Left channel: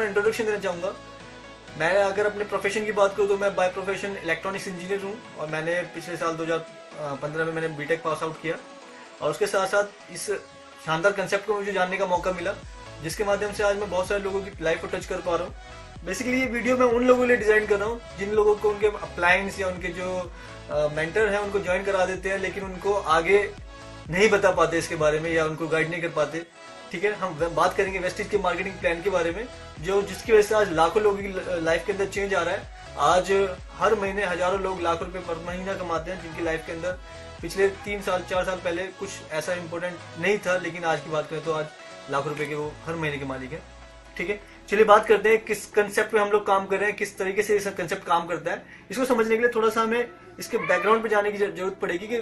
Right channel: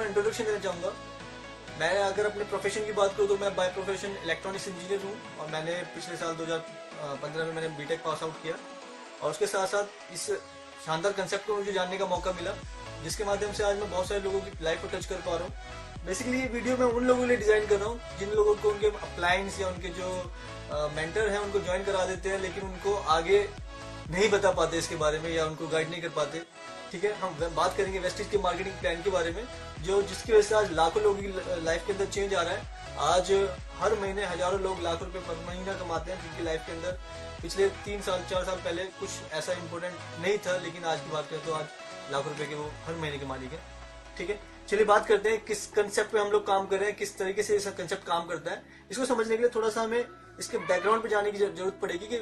अपना इंट्रोडक्शन देना चाहूँगा। मैं अगर अपने प्रोफेशन की बात करूँ तो मैं बाय प्रोफेशन इलेक्ट्रॉनिक्स इंजीनियर हूँ और मैंने पिछले साल 2015 में मैंने बीटेक पास आउट किया और उसके साथ साथ इस शानदार कंसेप्ट को मुझे जानने का मौका मिला जिसके माध्यम से आज मैं बहुत सारे लोगों की लाइफ को टच कर पा रहा हूँ। बेसिकली ये वीडियो मैं उन लोगों के लिए डिजाइन कर रहा हूँ जिन लोगों को उनके अप्लायंस या उनके जो मेंटर हैं उनको ज्वाइन करा देते हैं लेकिन उनको आगे नहीं बता पाते इसके बारे में या उनको गाइड नहीं कर पाते। ठीक है, हम बात करेंगे वेस्टिज के मार्केटिंग प्लान के बारे में जो जिसकी वजह से आज लाखों लोगों की लाइफ के अंदर चेंज आ रहा है। आज हर महीने हजारों लोग लाखों रुपए पर महीना कमाते हैं जिनकी लाइफ के अंदर पिछले 3 साल 4 साल पहले कुछ ऐसा इंपॉर्टेंट नहीं था, लेकिन आज की बात करें तो आज लाखों रुपए के वो हर महीने के मालिक है। ठीक है, चलिए बात करते हैं किस कंसेप्ट पे हम लोग काम कर रहे हैं, किस तरीके से ये कंसेप्ट काम करता है। इसको समझने के लिए थोड़ा सा हमें इसके बैकग्राउंड पे जाने की जरूरत पड़ेगी कि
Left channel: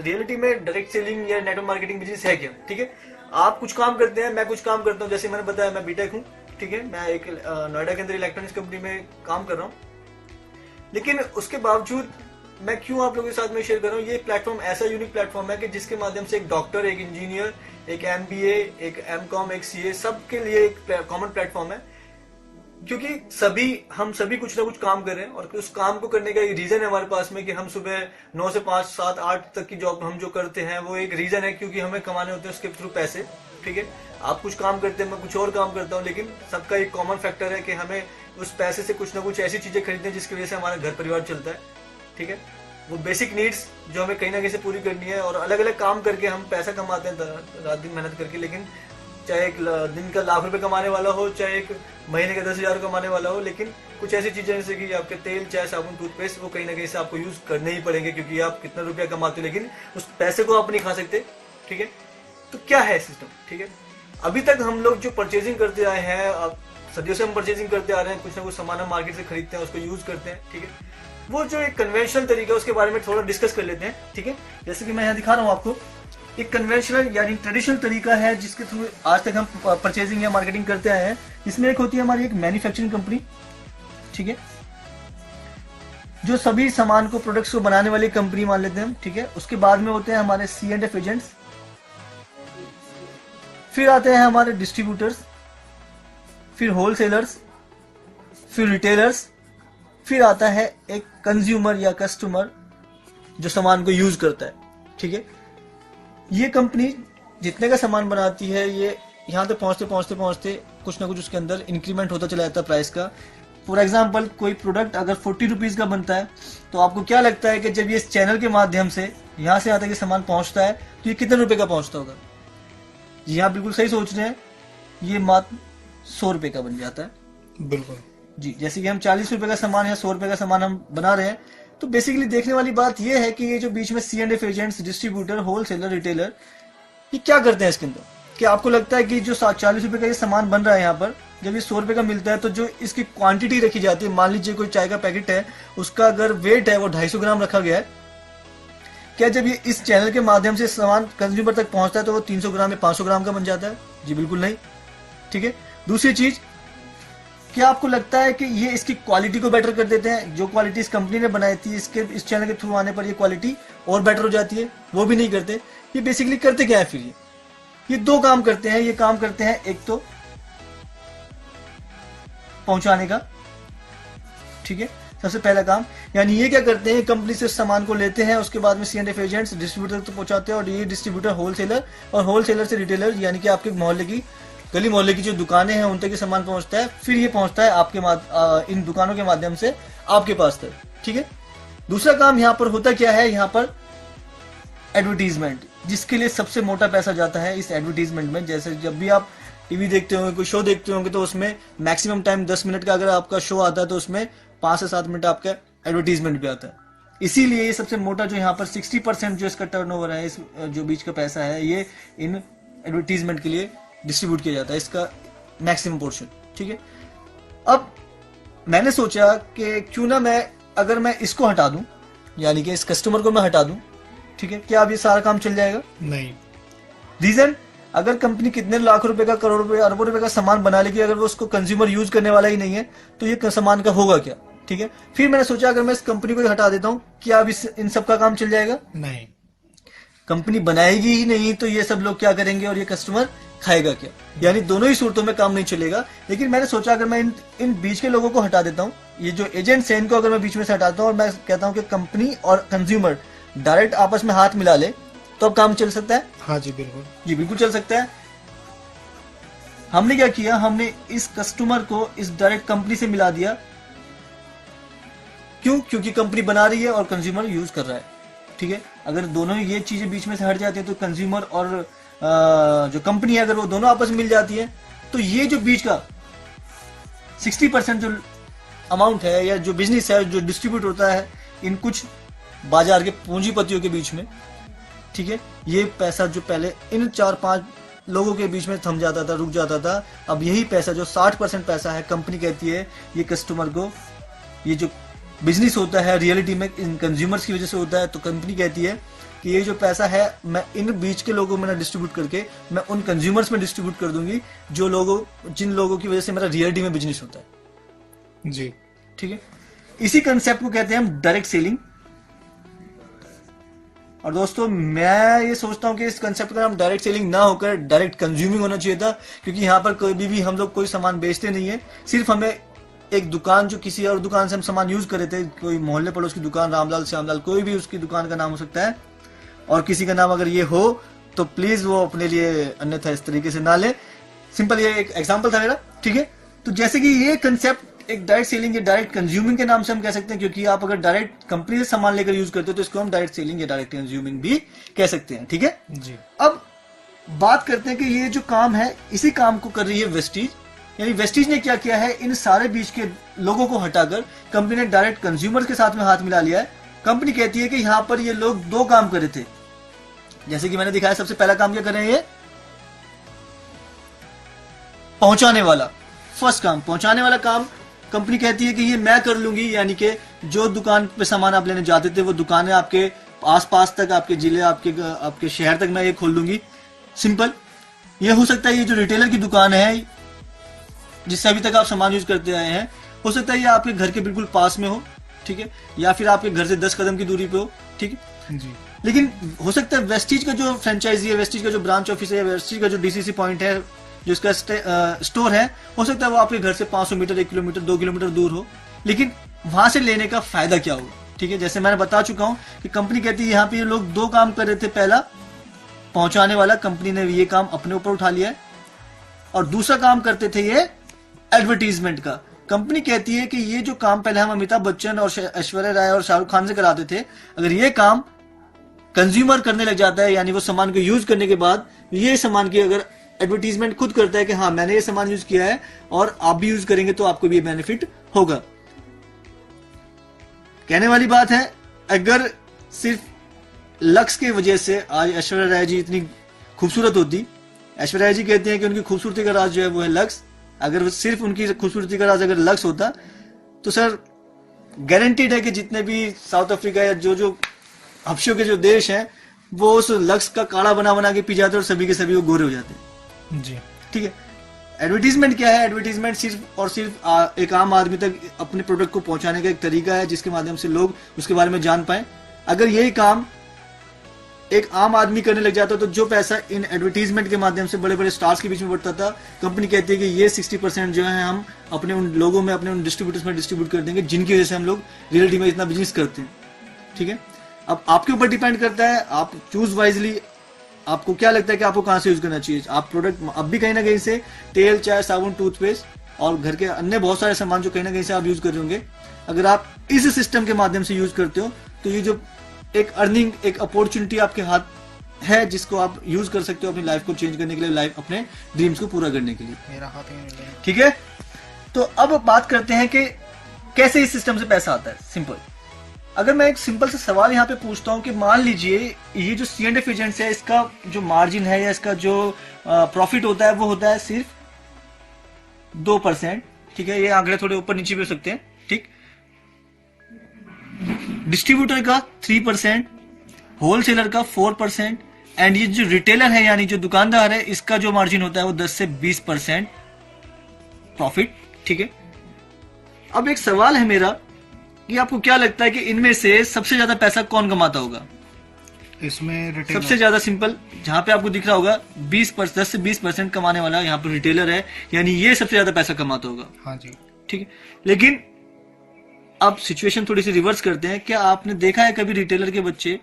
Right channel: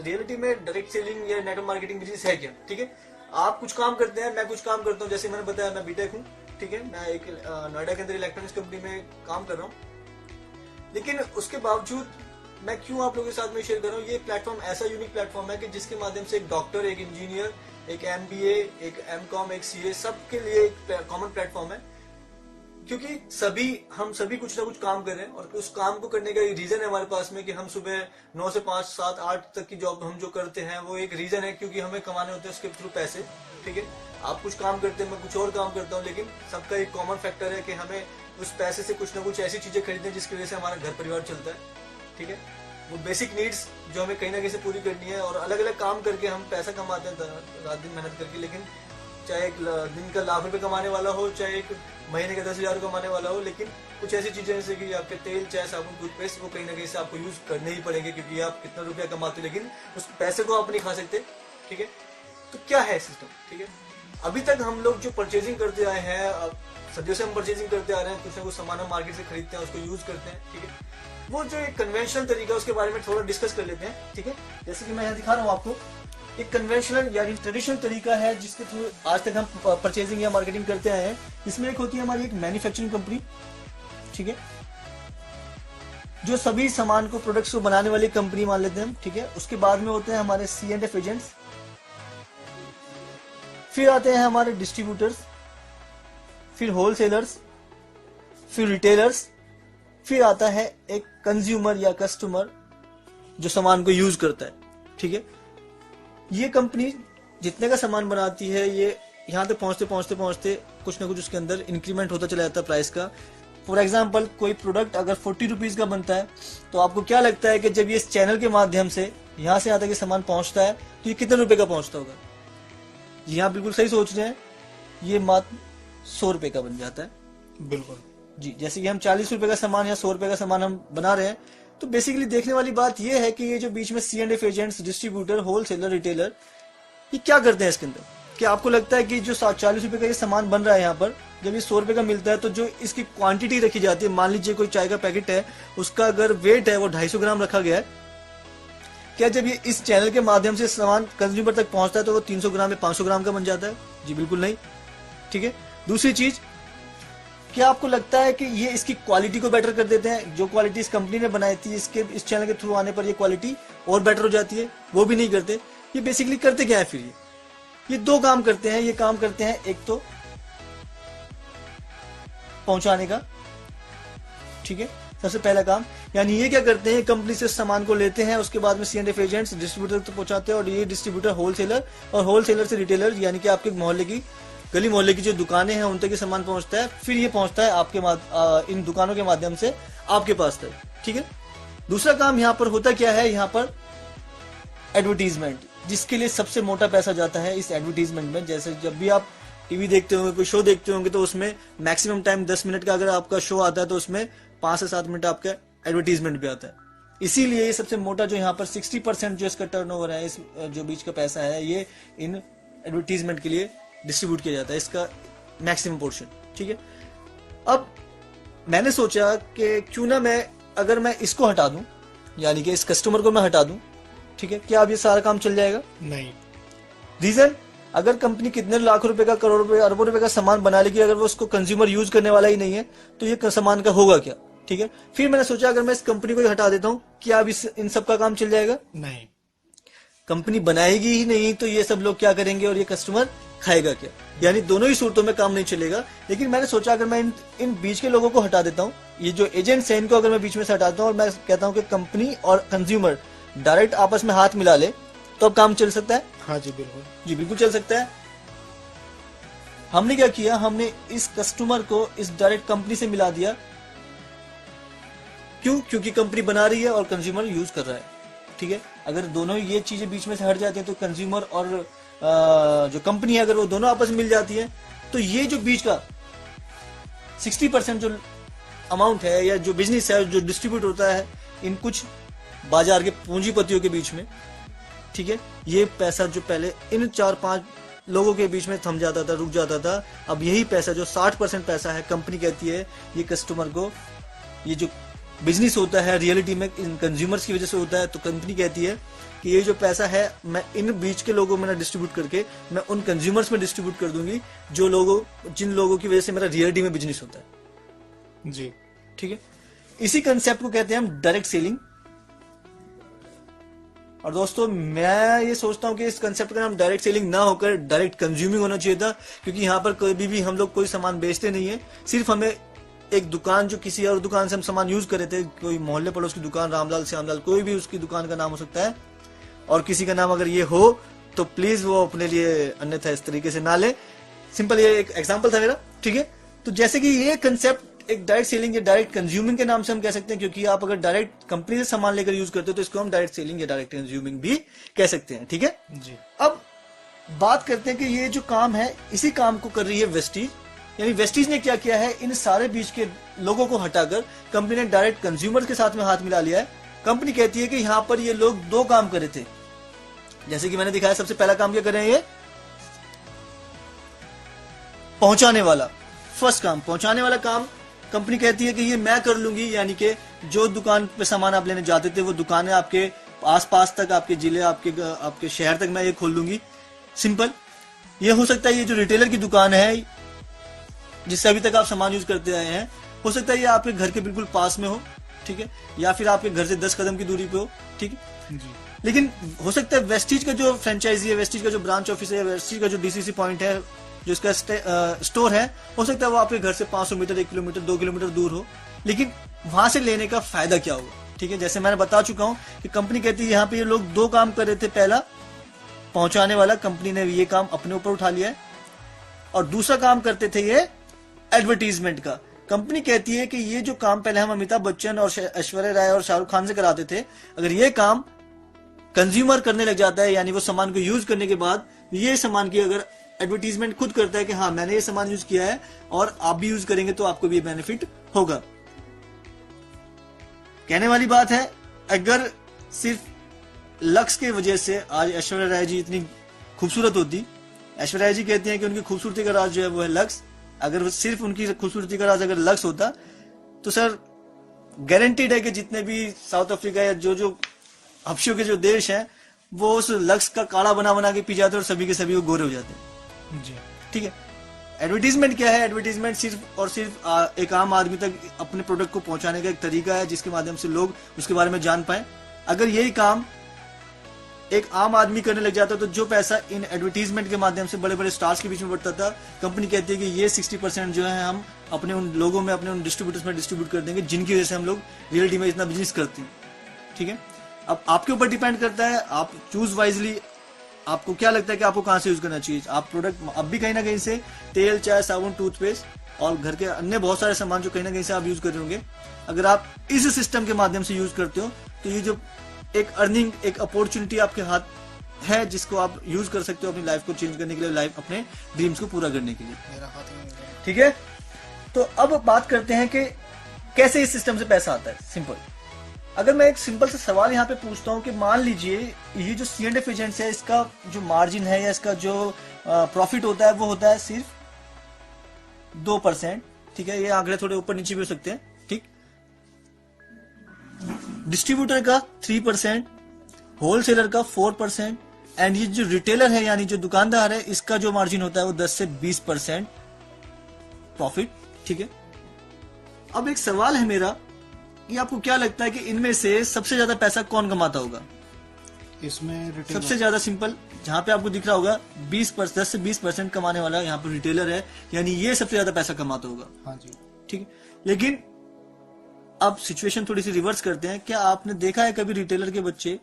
रियलिटी में डायरेक्ट सेलिंग या नेटवर्क मार्केटिंग बिजनेस है क्या। ठीक है, आप कुछ काम करते हैं, मैं कुछ काम करता हूँ। जैसे मैंने बताया मैं बीटेक हूँ। ठीक है, मैं एक नोएडा के अंदर इलेक्ट्रॉनिक्स कंपनी में काम कर रहा हूँ, लेकिन उसके बावजूद मैं क्यों आप लोगों के साथ में शेयर कर रहा हूँ। ये प्लेटफॉर्म ऐसा यूनिक प्लेटफॉर्म है कि जिसके माध्यम से एक डॉक्टर, एक इंजीनियर, एक MBA, एक MCOM, एक CA सबके लिए एक कॉमन प्लेटफॉर्म है क्योंकि हम सभी कुछ ना कुछ काम कर रहे हैं और उस काम को करने का रीजन है हमारे पास में कि हम सुबह 9 से 5, 7, 8 तक की जॉब हम जो करते हैं वो एक रीजन है क्योंकि हमें कमाने होते हैं उसके थ्रू पैसे। ठीक है, आप कुछ काम करते हैं, मैं कुछ और काम करता हूँ, लेकिन सबका एक कॉमन फैक्टर है कि हमें उस पैसे से कुछ ना कुछ ऐसी चीजें खरीदनी है जिसकी वजह से हमारा घर परिवार चलता है। ठीक है, वो बेसिक नीड्स जो हमें कहीं ना कहीं से पूरी करनी है और अलग अलग काम करके हम पैसा कमाते हैं रात दिन मेहनत करके, लेकिन चाहे एक दिन का लाख रुपए कमाने वाला हो, चाहे एक महीने का 10,000 कमाने वाला हो, लेकिन कुछ ऐसी चीजें जैसे कि आपके तेल, चाय, साबुन, टूथपेस्ट वो कहीं ना कहीं से आपको यूज करने ही पड़ेंगे क्योंकि आप कितना रुपया कमाते हो लेकिन उस पैसे को आप नहीं खा सकते। ठीक है, तो क्या है सिस्टम। ठीक है, अभी तक हम लोग जो परचेजिंग करते आए हैं, सदियों से हम परचेजिंग करते आ रहे हैं, कुछ ना कुछ सामान हम मार्केट से खरीदते हैं, उसको यूज करते हैं। ठीक है, वो जो एक कन्वेंशनल तरीका है उसके बारे में थोड़ा डिस्कस कर लेते हैं। ठीक है, जैसे कि मैं यहाँ दिखा रहा हूँ आपको, एक कन्वेंशनल यानी ट्रेडिशनल तरीका है जिसके थ्रू आज तक हम परचेजिंग या मार्केटिंग करते आए हैं। इसमें एक होती है हमारी एक मैन्युफैक्चरिंग कंपनी। ठीक है, जो सभी सामान को, प्रोडक्ट्स को बनाने वाली कंपनी मान लेते हैं हम। ठीक है, उसके बाद में होते हैं हमारे C&F एजेंट्स, फिर आते हैं हमारे डिस्ट्रीब्यूटर्स, फिर होलसेलर्स, फिर रिटेलर्स, फिर आता है एक कंज्यूमर या कस्टमर जो सामान को यूज करता है। ठीक है, ये कंपनी जितने का सामान बनाती है ये यहाँ तक पहुंचते कुछ ना कुछ उसके अंदर इंक्रीमेंट होता चला जाता है प्राइस का। फॉर एग्जाम्पल, कोई प्रोडक्ट अगर 40 रुपीज का बनता है तो आपको क्या लगता है कि जब ये इस चैनल के माध्यम से यहाँ से यहाँ तक ये सामान पहुंचता है तो ये कितने रुपए का पहुंचता होगा। जी हाँ, बिल्कुल सही सोच रहे हैं, ये मात्र 100 रुपए का बन जाता है। बिल्कुल जी, जैसे कि हम 40 रुपए का सामान या 100 रुपए का सामान हम बना रहे हैं, तो बेसिकली देखने वाली बात यह है कि ये जो बीच में C&F agents, distributor, wholesaler, retailer, ये क्या करते हैं इसके अंदर। क्या आपको लगता है कि जो 40 रुपए का ये सामान बन रहा है यहाँ पर, जब ये 100 रुपए का मिलता है तो जो इसकी क्वांटिटी रखी जाती है, मान लीजिए कोई चाय का पैकेट है, उसका अगर वेट है वो 250 ग्राम रखा गया है, क्या जब ये इस चैनल के माध्यम से सामान कंज्यूमर तक पहुंचता है तो वो 300 ग्राम या 500 ग्राम का बन जाता है। जी बिल्कुल नहीं। ठीक है, दूसरी चीज, क्या आपको लगता है कि ये इसकी क्वालिटी को बेटर कर देते हैं। जो क्वालिटी इस कंपनी ने बनाई थी, इस चैनल के थ्रू आने पर ये क्वालिटी और बेटर हो जाती है, वो भी नहीं करते। ये बेसिकली करते क्या है फिर, ये 2 काम करते हैं। ये काम करते हैं, एक तो पहुंचाने का। ठीक है, सबसे पहला काम, यानी ये क्या करते हैं, कंपनी से सामान को लेते हैं, उसके बाद में C&F एजेंट्स डिस्ट्रीब्यूटर तक पहुंचाते हैं और ये डिस्ट्रीब्यूटर होलसेलर, और होलसेलर से रिटेलर यानी कि आपके मोहल्ले की, गली मोहल्ले की जो दुकानें हैं उन तक ये सामान पहुंचता है। फिर ये पहुंचता है आपके इन दुकानों के माध्यम से आपके पास तक। ठीक है, दूसरा काम यहाँ पर होता क्या है, यहाँ पर एडवर्टीजमेंट, जिसके लिए सबसे मोटा पैसा जाता है इस एडवर्टीजमेंट में। जैसे जब भी आप टीवी देखते होंगे, कोई शो देखते होंगे, तो उसमें मैक्सिमम टाइम 10 मिनट का अगर आपका शो आता है तो उसमें 5 से 7 मिनट आपका एडवर्टीजमेंट भी आता है। इसीलिए ये सबसे मोटा जो यहाँ पर 60% जो इसका टर्नओवर है, इस जो बीच का पैसा है, ये इन एडवर्टीजमेंट के लिए डिस्ट्रीब्यूट किया जाता है, इसका मैक्सिमम पोर्शन। ठीक है, अब मैंने सोचा कि क्यों ना अगर मैं इसको हटा दूं, यानी कि इस कस्टमर को मैं हटा दूं, ठीक है, क्या अब ये सारा काम चल जाएगा? नहीं। रीजन, अगर कंपनी कितने लाख रुपए का, करोड़ रुपए, अरबों रुपए का सामान बना लेगी, अगर वो उसको कंज्यूमर यूज करने वाला ही नहीं है तो ये सामान का होगा क्या। ठीक है, फिर मैंने सोचा अगर मैं इस कंपनी को हटा देता हूं, क्या अब इन सब का काम चल जाएगा? नहीं। कंपनी बनाएगी ही नहीं तो ये सब लोग क्या करेंगे और ये कस्टमर खाएगा क्या, यानी दोनों ही सूरतों में काम नहीं चलेगा। लेकिन मैंने सोचा अगर मैं इन बीच के लोगों को हटा देता हूँ, ये जो एजेंट्स हैं इनको अगर मैं बीच में से हटाता हूँ और मैं कहता हूँ कि कंपनी और कंज्यूमर डायरेक्ट आपस में हाथ मिला ले, तो अब काम चल सकता है। हाँ जी बिल्कुल, जी बिल्कुल चल सकता है। हमने क्या किया, हमने इस कस्टमर को इस डायरेक्ट कंपनी से मिला दिया। क्यों? क्योंकि कंपनी बना रही है और कंज्यूमर यूज कर रहा है। ठीक है, अगर दोनों ये चीजें बीच में से हट जाती है तो कंज्यूमर और जो कंपनी है अगर वो दोनों आपस में मिल जाती है, तो ये जो बीच का 60% जो अमाउंट है या जो बिजनेस है जो डिस्ट्रीब्यूट होता है इन कुछ बाजार के पूंजीपतियों के बीच में, ठीक है, ये पैसा जो पहले इन 4-5 लोगों के बीच में थम जाता था, रुक जाता था, अब यही पैसा जो 60% पैसा है, कंपनी कहती है ये कस्टमर को, ये जो बिजनेस होता है रियलिटी में इन कंज्यूमर्स की वजह से होता है, तो कंपनी कहती है कि ये जो पैसा है मैं इन बीच के लोगों में ना डिस्ट्रीब्यूट करके मैं उन कंज्यूमर्स में डिस्ट्रीब्यूट कर दूंगी जिन लोगों की वजह से मेरा रियलिटी में बिजनेस होता है। जी ठीक है, इसी कंसेप्ट को कहते हैं हम डायरेक्ट सेलिंग। और दोस्तों मैं ये सोचता हूँ कि इस कंसेप्ट का नाम डायरेक्ट सेलिंग ना होकर डायरेक्ट कंज्यूमिंग होना चाहिए था, क्योंकि यहाँ पर कभी भी हम लोग कोई सामान बेचते नहीं है, सिर्फ हमें एक दुकान जो किसी और दुकान से हम सामान यूज कर रहे थे, कोई मोहल्ले पड़ोस की दुकान, रामलाल श्यामलाल, कोई भी उसकी दुकान का नाम हो सकता है, और किसी का नाम अगर ये हो तो प्लीज वो अपने लिए अन्यथा इस तरीके से ना ले। सिंपल ये एक एग्जांपल था मेरा। ठीक है, तो जैसे कि ये कंसेप्ट एक डायरेक्ट सेलिंग या डायरेक्ट कंज्यूमिंग के नाम से हम कह सकते हैं, क्योंकि आप अगर डायरेक्ट कंपनी से सामान लेकर यूज करते हो तो इसको हम डायरेक्ट सेलिंग या डायरेक्ट कंज्यूमिंग भी कह सकते हैं। ठीक है जी, अब बात करते हैं कि ये जो काम है इसी काम को कर रही है वेस्टीज, यानी वेस्टीज ने क्या किया है, इन सारे बीच के लोगों को हटाकर कंपनी ने डायरेक्ट कंज्यूमर के साथ में हाथ मिला लिया है। कंपनी कहती है कि यहाँ पर ये लोग 2 काम कर रहे थे, जैसे कि मैंने दिखाया। सबसे पहला काम क्या कर रहे हैं, ये पहुंचाने वाला, फर्स्ट काम पहुंचाने वाला काम कंपनी कहती है कि ये मैं कर लूंगी, यानी कि जो दुकान पे सामान आप लेने जाते थे वो दुकानें आपके आसपास तक, आपके जिले, आपके शहर तक मैं ये खोल लूंगी। सिंपल, ये हो सकता है ये जो रिटेलर की दुकान है जिससे अभी तक आप सामान यूज करते आए हैं, हो सकता है ये आपके घर के बिल्कुल पास में हो, ठीक है, या फिर आपके घर से 10 कदम की दूरी पे हो। ठीक है जी, लेकिन हो सकता है वेस्टीज का जो फ्रेंचाइजी है, वेस्टीज का जो ब्रांच ऑफिस है, वेस्टीज का जो डीसीसी पॉइंट है, जो इसका स्टोर है, हो सकता है वो आपके घर से 500 मीटर, 1 किलोमीटर, 2 किलोमीटर दूर हो, लेकिन वहां से लेने का फायदा क्या होगा। ठीक है, जैसे मैंने बता चुका हूं कि कंपनी कहती है यहाँ पे ये लोग 2 काम कर रहे थे। पहला पहुंचाने वाला, कंपनी ने ये काम अपने ऊपर उठा लिया है, और दूसरा काम करते थे ये एडवर्टीजमेंट का। कंपनी कहती है कि ये जो काम पहले हम अमिताभ बच्चन और ऐश्वर्या राय और शाहरुख खान से कराते थे, अगर ये काम कंज्यूमर करने लग जाता है, यानी वो सामान को यूज करने के बाद ये सामान की अगर एडवर्टीजमेंट खुद करता है कि हाँ मैंने ये सामान यूज किया है और आप भी यूज करेंगे तो आपको भी बेनिफिट होगा। कहने वाली बात है, अगर सिर्फ लक्स की वजह से आज ऐश्वर्या राय जी इतनी खूबसूरत होती, ऐश्वर्या राय जी कहते हैं कि उनकी खूबसूरती का राज जो है वो है लक्स, अगर सिर्फ उनकी खूबसूरती का राज अगर लक्स होता तो सर गारंटीड है कि जितने भी साउथ अफ्रीका या जो हफ्शों के जो देश हैं वो उस लक्स का काढ़ा बना बना के पी जाते और सभी के सभी वो गोरे हो जाते हैं। जी, ठीक है, एडवर्टीजमेंट क्या है, एडवर्टीजमेंट सिर्फ और सिर्फ एक आम आदमी तक अपने प्रोडक्ट को पहुंचाने का एक तरीका है जिसके माध्यम से लोग उसके बारे में जान पाए। अगर यही काम एक आम आदमी करने लग जाता तो जो पैसा इन एडवर्टीजमेंट के माध्यम से बड़े बड़े स्टार्स के बीच में बढ़ता था, कंपनी कहती है कि ये 60% जो है हम अपने उन लोगों में, अपने उन डिस्ट्रीब्यूटर्स में डिस्ट्रीब्यूट कर देंगे जिनकी वजह से हम लोग रियलिटी में इतना बिजनेस करते हैं। ठीक है, अब आपके ऊपर डिपेंड करता है, आप चूज वाइजली, आपको क्या लगता है कि आपको कहां से यूज करना चाहिए। आप प्रोडक्ट अब भी कहीं ना कहीं से तेल, चाय, साबुन, टूथपेस्ट और घर के अन्य बहुत सारे सामान जो कहीं ना कहीं से आप यूज कर रहे होंगे, अगर आप इस सिस्टम के माध्यम से यूज करते हो तो ये जो एक अर्निंग, एक अपॉर्चुनिटी आपके हाथ है जिसको आप यूज कर सकते हो अपनी लाइफ को चेंज करने के लिए, लाइफ अपने ड्रीम्स को पूरा करने के लिए। मेरा हाथ ही नहीं मिल रहा। ठीक है, तो अब बात करते हैं कि कैसे इस सिस्टम से पैसा आता है। सिंपल, अगर मैं एक सिंपल सा सवाल यहाँ पे पूछता हूँ कि मान लीजिए ये जो C&F एजेंट्स है, इसका जो मार्जिन है या इसका जो प्रॉफिट होता है वो होता है सिर्फ 2%। ठीक है, ये आंकड़े थोड़े ऊपर नीचे भी हो सकते हैं। ठीक, डिस्ट्रीब्यूटर का 3%, होलसेलर का 4%, एंड ये जो रिटेलर है यानी जो दुकानदार है इसका जो मार्जिन होता है वो 10 से 20% प्रॉफिट। ठीक है, अब एक सवाल है मेरा कि आपको क्या लगता है कि इनमें से सबसे ज्यादा पैसा कौन कमाता होगा। इसमें रिटेलर सबसे ज्यादा सिंपल जहां पे आपको दिख रहा होगा 10 से 20% कमाने वाला यहाँ पे रिटेलर है, यानी ये सबसे ज्यादा पैसा कमाता होगा। हाँ जी। ठीक है, लेकिन अब सिचुएशन थोड़ी सी रिवर्स करते हैं। क्या आपने देखा है कभी रिटेलर के बच्चे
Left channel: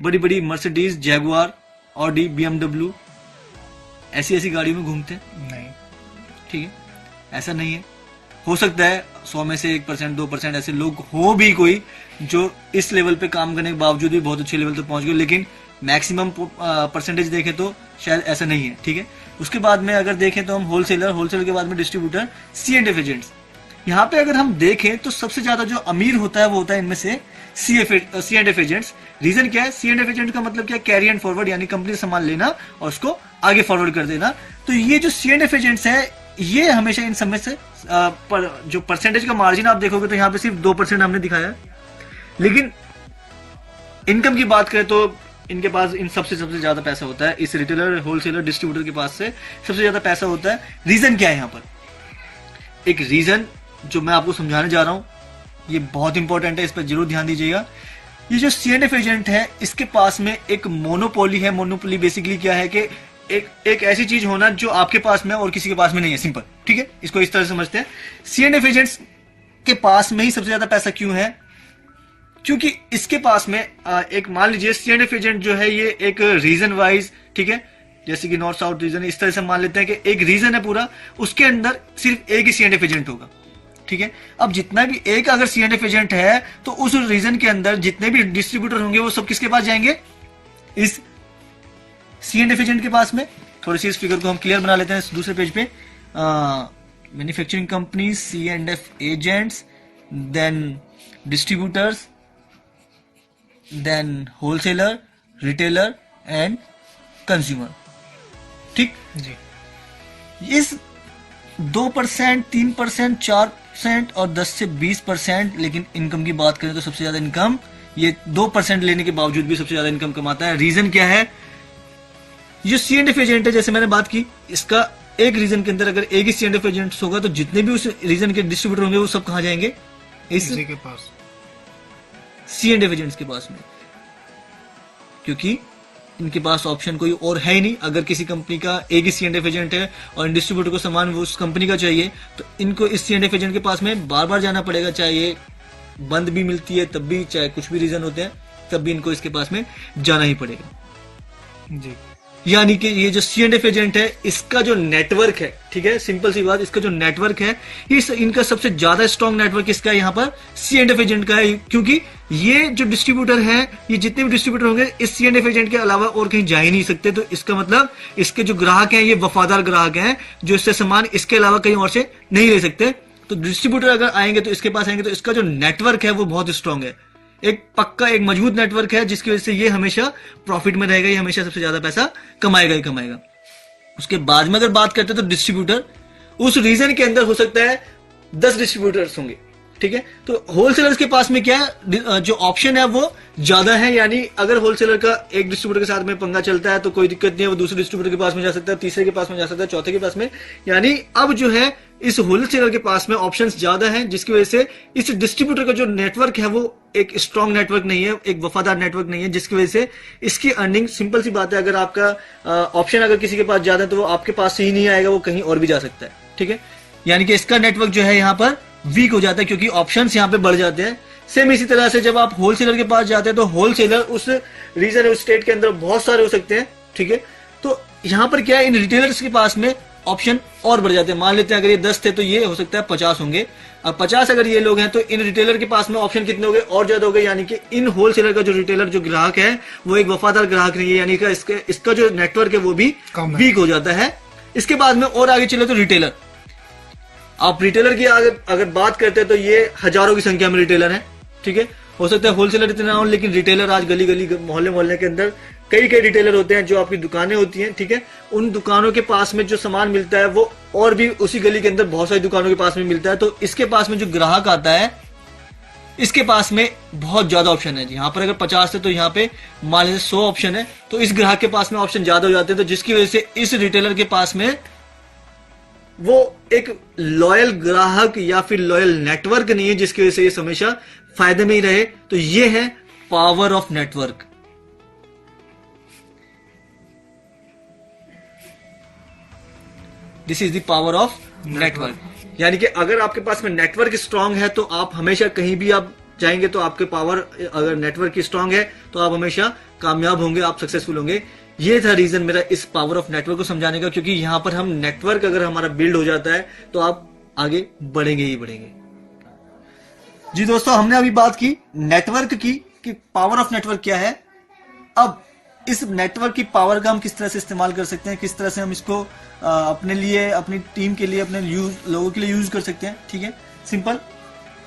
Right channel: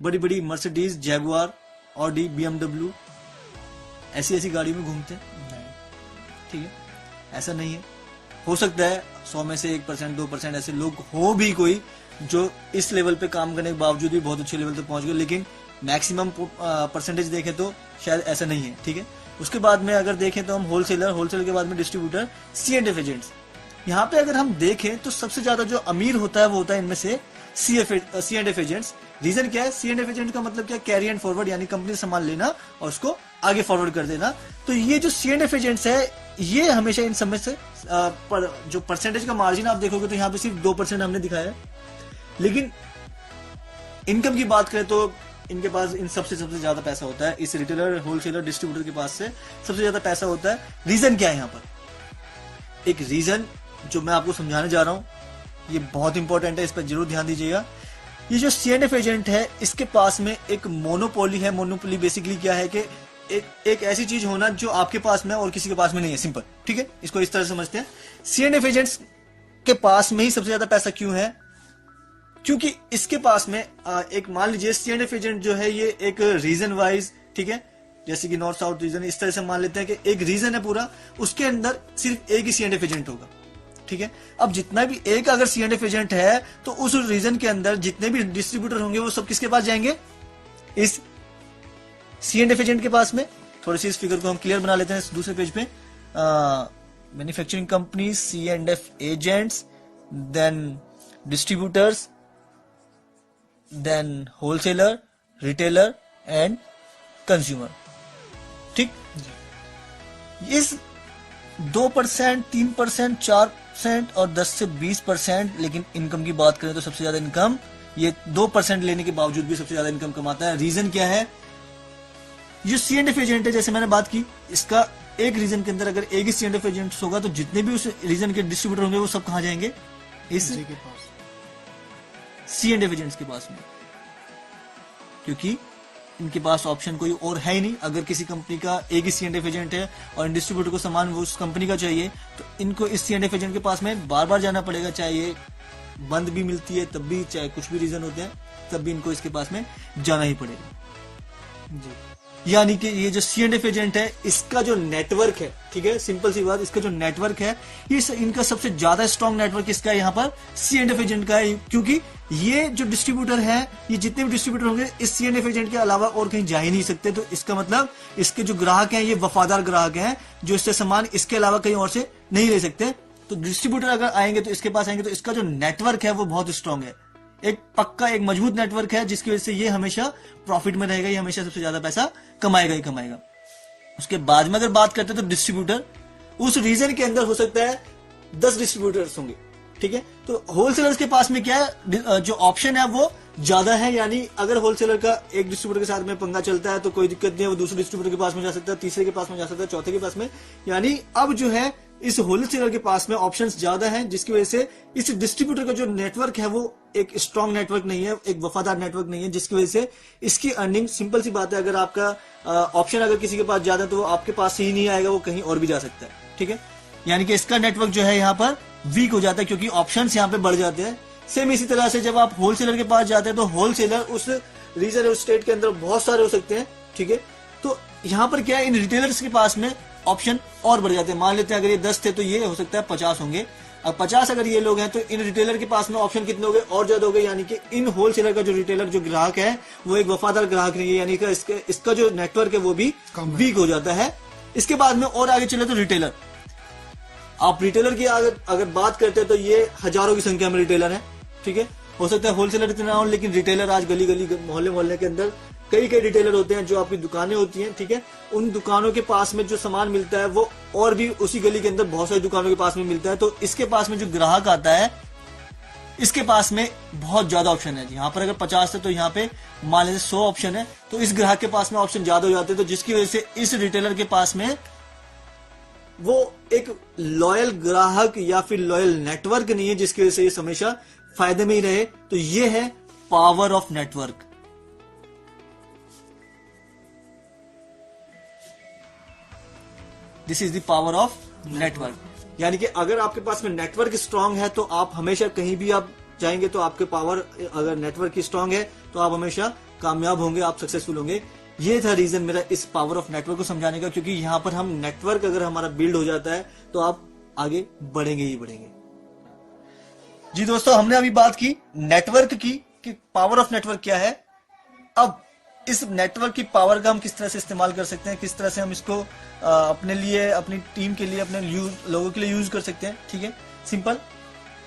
बड़ी बड़ी मर्सिडीज, जैगुआर, ऑडी, BMW ऐसी ऐसी गाड़ियों में घूमते हैं? नहीं। ठीक है, ऐसा नहीं है। हो सकता है 100 में से 1%, 2% ऐसे लोग हो भी कोई जो इस लेवल पे काम करने के बावजूद भी बहुत अच्छे लेवल तक पहुंच गए, लेकिन मैक्सिमम परसेंटेज देखें तो शायद ऐसा नहीं है। ठीक है, उसके बाद में अगर देखें तो हम होलसेलर के बाद में डिस्ट्रीब्यूटर, C&F एजेंट्स। यहाँ पे अगर हम देखें तो सबसे ज्यादा जो अमीर होता है वो होता है इनमें से C&F एजेंट्स। रीजन क्या है? C&F एजेंट का मतलब क्या? कैरी एंड फॉरवर्ड, यानी कंपनी से सामान लेना और उसको आगे फॉरवर्ड कर देना। तो ये जो C&F एजेंट्स है ये हमेशा इन सब में से जो परसेंटेज का मार्जिन आप देखोगे तो यहाँ पे सिर्फ 2% हमने दिखाया है, लेकिन इनकम की बात करें तो इनके पास इन सबसे ज्यादा पैसा होता है। इस रिटेलर, होलसेलर, डिस्ट्रीब्यूटर के पास से सबसे ज्यादा पैसा होता है। रीजन क्या है यहाँ पर? एक रीजन जो मैं आपको समझाने जा रहा हूं, ये बहुत इंपॉर्टेंट है, इस पर जरूर ध्यान दीजिएगा। ये जो C&F एजेंट है इसके पास में एक मोनोपोली है। मोनोपोली बेसिकली क्या है कि एक ऐसी चीज होना जो आपके पास में और किसी के पास में नहीं है। सिंपल, ठीक है, इसको इस तरह समझते हैं। C&F एजेंट्स के पास में ही सबसे ज्यादा पैसा क्यों है? क्योंकि इसके पास में एक मान लीजिए C&F एजेंट जो है ये एक रीजन वाइज, ठीक है, जैसे कि नॉर्थ साउथ रीजन, इस तरह से मान लेते हैं कि एक रीजन है पूरा, उसके अंदर सिर्फ एक ही C&F एजेंट होगा। ठीक है, अब जितना भी एक अगर C&F एजेंट है तो उस रीजन के अंदर जितने भी डिस्ट्रीब्यूटर होंगे वो सब किसके पास जाएंगे? इस C&F एजेंट के पास में। थोड़ी सी इस फिगर को हम क्लियर बना लेते हैं दूसरे पेज पे। Manufacturing company, C&F agents, then distributors, then wholesaler, retailer and consumer. ठीक जी। इस 2%, 3%, 4% और 10 से 20%, लेकिन इनकम की बात करें तो सबसे ज्यादा इनकम ये 2% लेने के बावजूद भी सबसे ज्यादा इनकम कमाता है। रीजन क्या है? जो C&F एजेंट है, जैसे मैंने बात की, इसका एक रीजन के अंदर अगर एक ही C&F एजेंट होगा तो जितने भी उस रीजन के डिस्ट्रीब्यूटर होंगे वो सब कहां जाएंगे? इसी के पास, C&F एजेंट्स के पास में, क्योंकि इनके पास ऑप्शन कोई और है ही नहीं। अगर किसी कंपनी का एक ही C&F एजेंट है और इन डिस्ट्रीब्यूटर को सामान उस कंपनी का चाहिए तो इनको इस C&F एजेंट के पास में बार बार जाना पड़ेगा, चाहे ये बंद भी मिलती है तब भी, चाहे कुछ भी रीजन होते हैं तब भी इनको इसके पास में जाना ही पड़ेगा जी। यानी कि ये जो C&F एजेंट है इसका जो नेटवर्क है, ठीक है, सिंपल सी बात, इसका जो नेटवर्क है इनका सबसे ज्यादा स्ट्रॉन्ग नेटवर्क इसका है यहाँ पर C&F एजेंट का है। क्योंकि ये जो डिस्ट्रीब्यूटर है, ये जितने भी डिस्ट्रीब्यूटर होंगे इस C&F एजेंट के अलावा और कहीं जा ही नहीं सकते। तो इसका मतलब इसके जो ग्राहक हैं ये वफादार ग्राहक हैं जो इससे सामान इसके अलावा कहीं और से नहीं ले सकते। तो डिस्ट्रीब्यूटर अगर आएंगे तो इसके पास आएंगे तो इसका जो नेटवर्क है वो बहुत स्ट्रॉन्ग है, एक पक्का, एक मजबूत नेटवर्क है, जिसकी वजह से ये हमेशा प्रॉफिट में रहेगा, ये हमेशा सबसे ज्यादा पैसा कमाएगा ही कमाएगा। उसके बाद में अगर बात करते हैं तो डिस्ट्रीब्यूटर, उस रीजन के अंदर हो सकता है 10 डिस्ट्रीब्यूटर्स होंगे, ठीक है। तो होलसेलर्स के पास में क्या है, जो ऑप्शन है वो ज्यादा है। यानी अगर होलसेलर का एक डिस्ट्रीब्यूटर के साथ में पंगा चलता है तो कोई दिक्कत नहीं है, वो दूसरे डिस्ट्रीब्यूटर के पास में जा सकता है, तीसरे के पास में जा सकता है, चौथे के पास में। यानी अब जो है इस होलसेलर के पास में ऑप्शंस ज्यादा हैं, जिसकी वजह से इस डिस्ट्रीब्यूटर का जो नेटवर्क है वो एक स्ट्रॉन्ग नेटवर्क नहीं है, एक वफादार नेटवर्क नहीं है, जिसकी वजह से इसकी अर्निंग, सिंपल सी बात है, अगर आपका ऑप्शन अगर किसी के पास ज्यादा है तो वो आपके पास से ही नहीं आएगा, वो कहीं और भी जा सकता है, ठीक है। यानी कि इसका नेटवर्क जो है यहाँ पर वीक हो जाता है क्योंकि ऑप्शंस यहाँ पे बढ़ जाते हैं। सेम इसी तरह से जब आप होलसेलर के पास जाते हैं तो होलसेलर उस रीजन, उस स्टेट के अंदर बहुत सारे हो सकते हैं, ठीक है। तो यहाँ पर क्या है, इन रिटेलर्स के पास में ऑप्शन और बढ़ जाते हैं। मान लेते हैं अगर ये 10 थे तो ये हो सकता है 50 होंगे, अब 50 अगर ये लोग हैं तो इन रिटेलर के पास में ऑप्शन कितने हो गए, और ज्यादा हो गए। यानी कि इन होलसेलर का जो रिटेलर, जो ग्राहक है, वो एक वफादार ग्राहक नहीं है, यानी कि इसका जो नेटवर्क है वो भी वीक हो जाता है। इसके बाद में और आगे चले तो रिटेलर, आप रिटेलर की अगर बात करते हैं तो ये हजारों की संख्या में रिटेलर है, ठीक है। हो सकता है होलसेलर इतना हो, लेकिन रिटेलर आज गली गली, मोहल्ले मोहल्ले के अंदर कई रिटेलर होते हैं, जो आपकी दुकानें होती हैं, ठीक है। उन दुकानों के पास में जो सामान मिलता है वो और भी उसी गली के अंदर बहुत सारी दुकानों के पास में मिलता है। तो इसके पास में जो ग्राहक आता है, इसके पास में बहुत ज्यादा ऑप्शन है। यहाँ पर अगर 50 है तो यहाँ पे मान लीजिए 100 ऑप्शन है, तो इस ग्राहक के पास में ऑप्शन ज्यादा हो जाते हैं। तो जिसकी वजह से इस रिटेलर के पास में वो एक लॉयल ग्राहक या फिर लॉयल नेटवर्क नहीं है, जिसकी वजह से ये हमेशा फायदे में ही रहे। तो ये है power of network, this is the power of network. यानी कि अगर आपके पास में नेटवर्क स्ट्रांग है तो आप हमेशा कहीं भी आप जाएंगे तो आपके पावर, अगर नेटवर्क की स्ट्रांग है तो आप हमेशा कामयाब होंगे, आप सक्सेसफुल होंगे। ये था रीजन मेरा इस पावर ऑफ नेटवर्क को समझाने का, क्योंकि यहां पर हम नेटवर्क अगर हमारा बिल्ड हो जाता है तो आप आगे बढ़ेंगे ही बढ़ेंगे। जी दोस्तों, हमने अभी बात की नेटवर्क की कि पावर ऑफ नेटवर्क क्या है। अब इस नेटवर्क की पावर का हम किस तरह से इस्तेमाल कर सकते हैं, किस तरह से हम इसको अपने लिए, अपनी टीम के लिए, अपने लोगों के लिए यूज कर सकते हैं। ठीक है, सिंपल।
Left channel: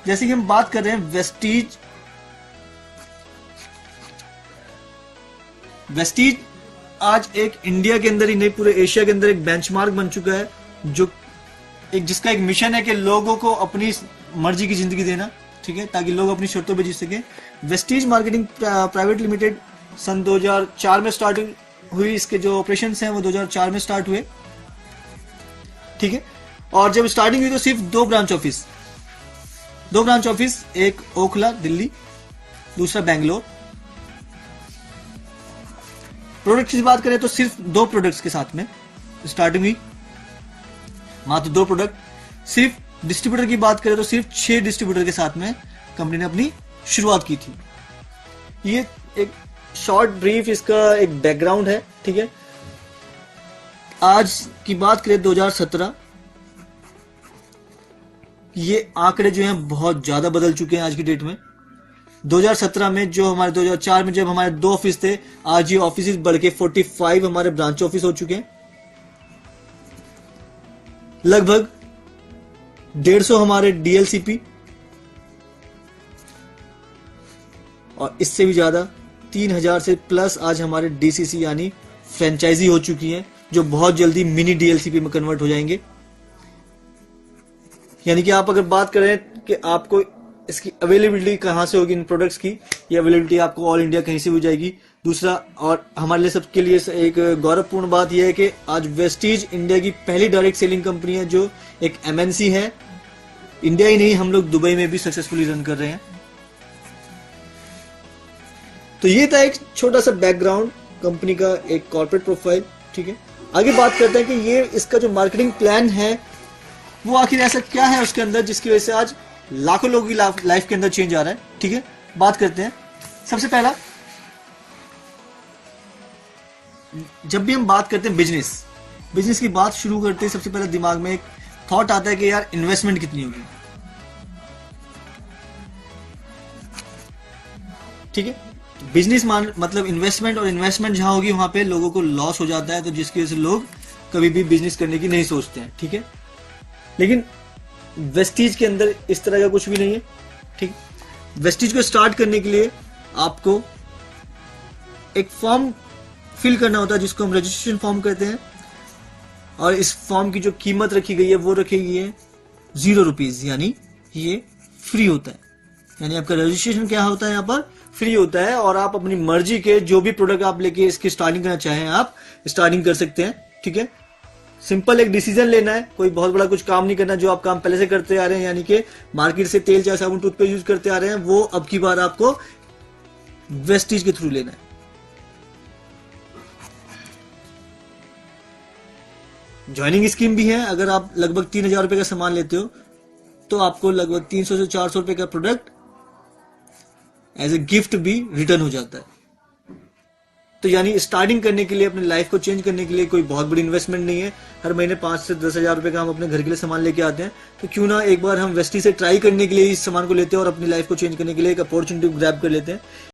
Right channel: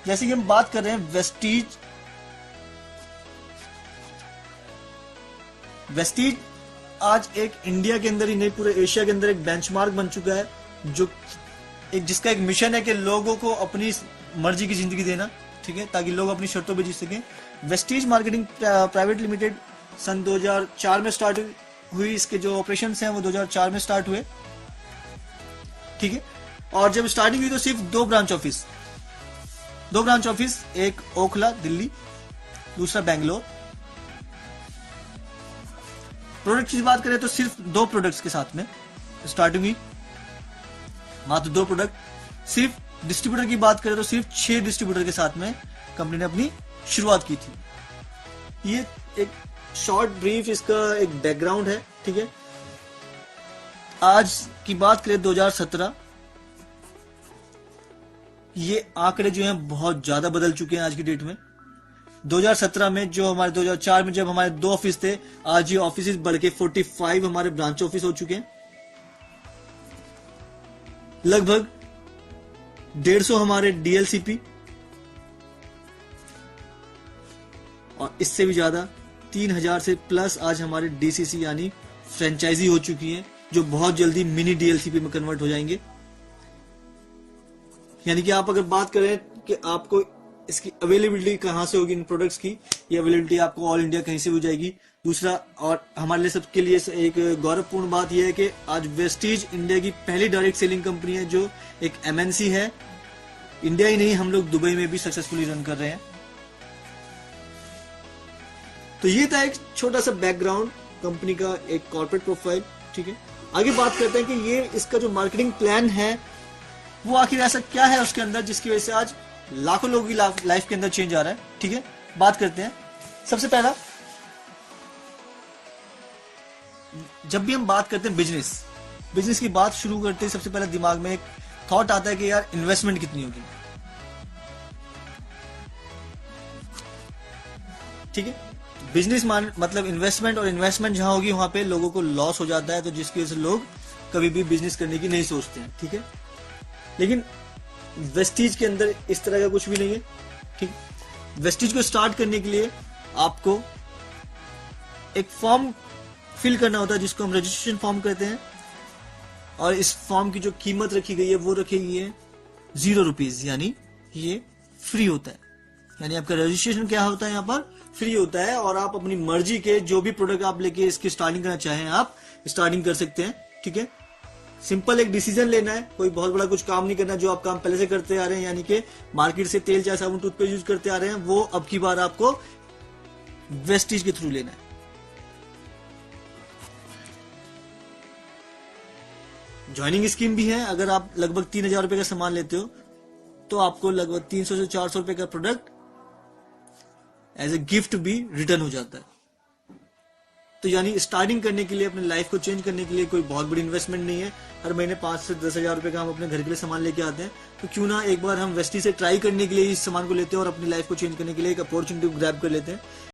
जैसे कि हम बात कर रहे हैं वेस्टीज आज एक इंडिया के अंदर ही नहीं, पूरे एशिया के अंदर एक बेंचमार्क बन चुका है, जो जिसका एक मिशन है कि लोगों को अपनी मर्जी की जिंदगी देना। ठीक है, ताकि लोग अपनी शर्तों पे जी सके। वेस्टीज मार्केटिंग प्राइवेट लिमिटेड सन 2004 में स्टार्ट हुई। इसके जो ऑपरेशन हैं वो 2004 में स्टार्ट हुए। ठीक है, और जब स्टार्टिंग हुई तो सिर्फ दो ब्रांच ऑफिस, एक ओखला दिल्ली, दूसरा बेंगलोर। प्रोडक्ट की बात करें तो सिर्फ 2 प्रोडक्ट्स के साथ में स्टार्टिंग हुई, मात्र 2 प्रोडक्ट। सिर्फ डिस्ट्रीब्यूटर की बात करें तो सिर्फ 6 डिस्ट्रीब्यूटर के साथ में कंपनी ने अपनी शुरुआत की थी। ये एक शॉर्ट ब्रीफ इसका एक बैकग्राउंड है। ठीक है, आज की बात करें 2017, ये आंकड़े जो हैं बहुत ज्यादा बदल चुके हैं आज की डेट में। 2017 में जो हमारे 2004 में जब हमारे 2 ऑफिस थे, आज ये ऑफिस बढ़ के 45 हमारे ब्रांच ऑफिस हो चुके हैं। लगभग 150 हमारे डीएलसीपी, और इससे भी ज्यादा 3000 से प्लस आज हमारे डीसीसी यानी फ्रेंचाइजी हो चुकी हैं, जो बहुत जल्दी मिनी डीएलसीपी में कन्वर्ट हो जाएंगे। यानी कि आप अगर बात करें कि आपको इसकी अवेलेबिलिटी कहां से होगी इन प्रोडक्ट्स की, ये अवेलेबिलिटी आपको ऑल इंडिया कहीं से हो जाएगी। दूसरा, और हमारे लिए सबके लिए एक गौरवपूर्ण बात यह है कि आज वेस्टीज इंडिया की पहली डायरेक्ट सेलिंग कंपनी है, जो एक एमएनसी है। इंडिया ही नहीं, हम लोग दुबई में भी सक्सेसफुली रन कर रहे हैं। तो ये था एक छोटा सा बैकग्राउंड कंपनी का, एक कॉर्पोरेट प्रोफाइल। ठीक है, आगे बात करते हैं कि ये इसका जो मार्केटिंग प्लान है वो आखिर ऐसा क्या है उसके अंदर, जिसकी वजह से आज लाखों लोगों की लाइफ के अंदर चेंज आ रहा है। ठीक है, बात करते हैं। सबसे पहला, जब भी हम बात करते हैं बिजनेस की बात शुरू करते हैं, सबसे पहले दिमाग में एक थॉट आता है कि यार इन्वेस्टमेंट कितनी होगी। ठीक है, बिजनेस मतलब इन्वेस्टमेंट, और इन्वेस्टमेंट जहां होगी वहां पे लोगों को लॉस हो जाता है, तो जिसकी वजह से लोग कभी भी बिजनेस करने की नहीं सोचते हैं। ठीक है, लेकिन वेस्टीज के अंदर इस तरह का कुछ भी नहीं है। ठीक, वेस्टीज को स्टार्ट करने के लिए आपको एक फॉर्म फिल करना होता है, जिसको हम रजिस्ट्रेशन फॉर्म कहते हैं, और इस फॉर्म की जो कीमत रखी गई है वो रखी गई है 0 रुपीज, यानी ये फ्री होता है। यानी आपका रजिस्ट्रेशन क्या होता है, यहाँ पर फ्री होता है, और आप अपनी मर्जी के जो भी प्रोडक्ट आप लेके इसकी स्टार्टिंग करना चाहें आप स्टार्टिंग कर सकते हैं। ठीक है, सिंपल एक डिसीजन लेना है, कोई बहुत बड़ा कुछ काम नहीं करना। जो आप काम पहले से करते आ रहे हैं, यानी कि मार्केट से तेल चाहे साबुन टूथपेस्ट यूज करते आ रहे हैं, वो अब की बार आपको वेस्टीज के थ्रू लेना है। ज्वाइनिंग स्कीम भी है। अगर आप लगभग 3000 रुपए का सामान लेते हो तो आपको लगभग 300 से 400 रुपए का प्रोडक्ट एज ए गिफ्ट भी रिटर्न हो जाता है। तो यानी स्टार्टिंग करने के लिए, अपनी लाइफ को चेंज करने के लिए कोई बहुत बड़ी इन्वेस्टमेंट नहीं है। हर महीने 5 से 10,000 रुपए का हम अपने घर के लिए सामान लेके आते हैं, तो क्यों ना एक बार हम वेस्टी से ट्राई करने के लिए इस सामान को लेते हैं और अपनी लाइफ को चेंज करने के लिए एक अपॉर्चुनिटी ग्रैब कर लेते हैं।